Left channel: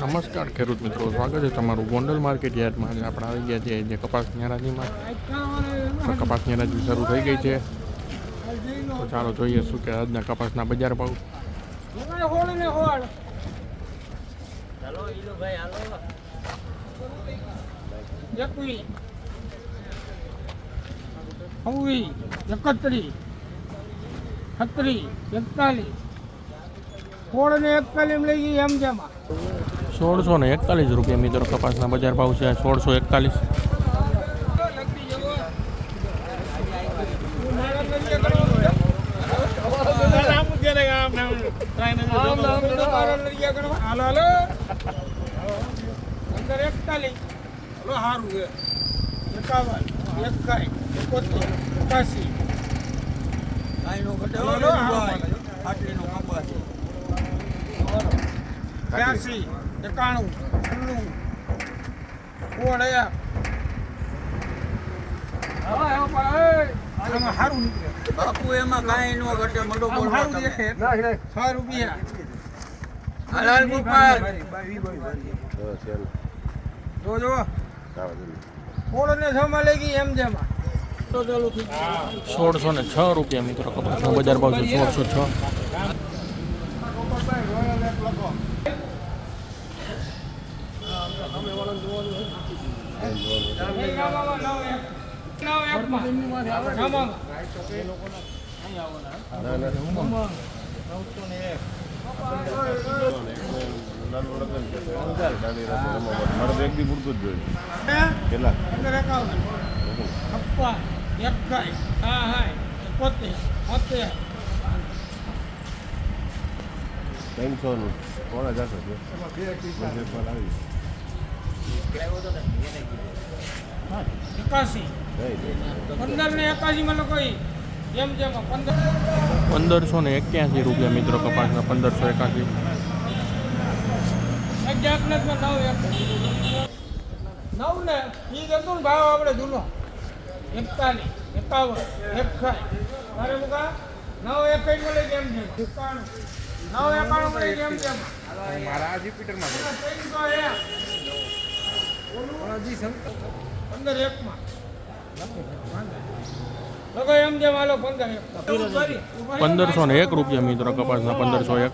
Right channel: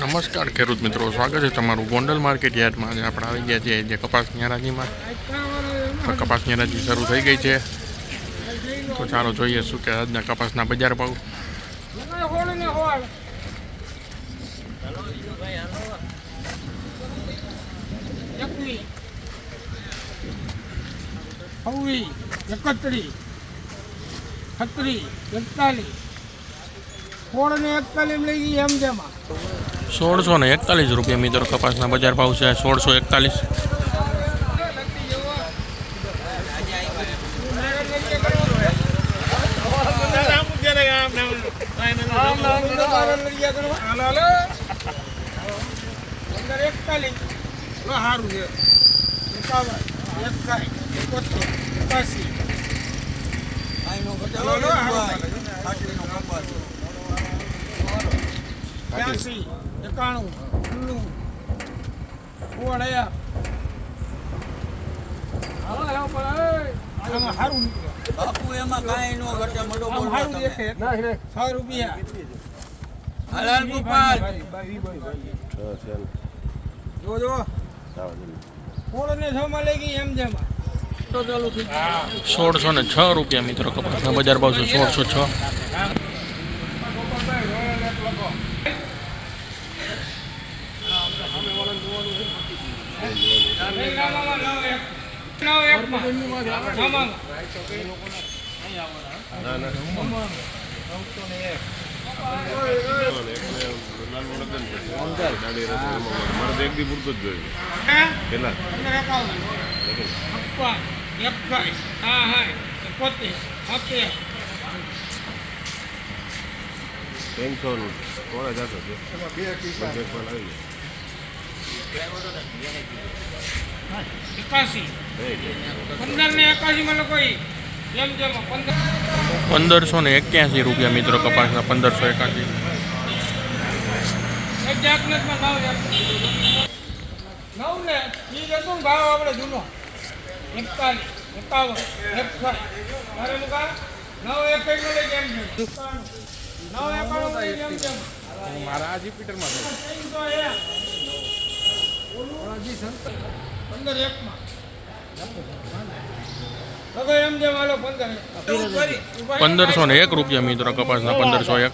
નમસ્કાર ખેડૂત મિત્રો, સ્વાગત છે તમારું ગોંડલ માર્કેટ યાર્ડમાં. આજે આપણે આવી ગયા છીએ જે કપાસની હરાજીમાં. તો કપાસની હરાજી શરૂ થઈ ગઈ છે. તો ચાલો જોઈએ શું કે આજના કપાસના બજાર ભાવ. ₹1641 મિત્રો કપાસના બજાર ભાવ છે. 1641. બાપુ એમાં કાંઈ નો ઘટે મોટો ₹1606 મિત્રો કપાસના બજાર ભાવ છે. 1606. ₹1581 મિત્રો કપાસના. 1581. ભાવ આપણે જૂનો 41, 51, 51 મારા આ રિપીટરમાં ₹1501 મિત્રો કપાસના. 1501.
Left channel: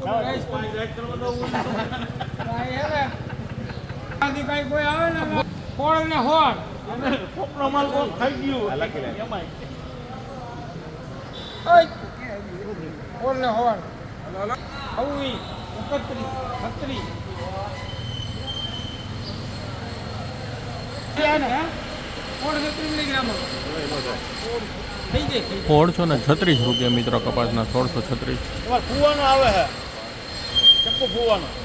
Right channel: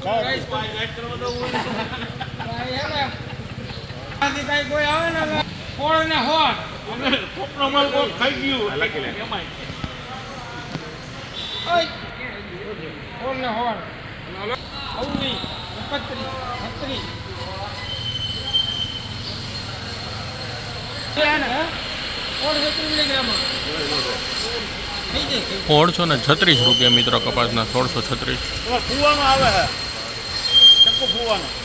₹1636 મિત્રો કપાસના. 1636.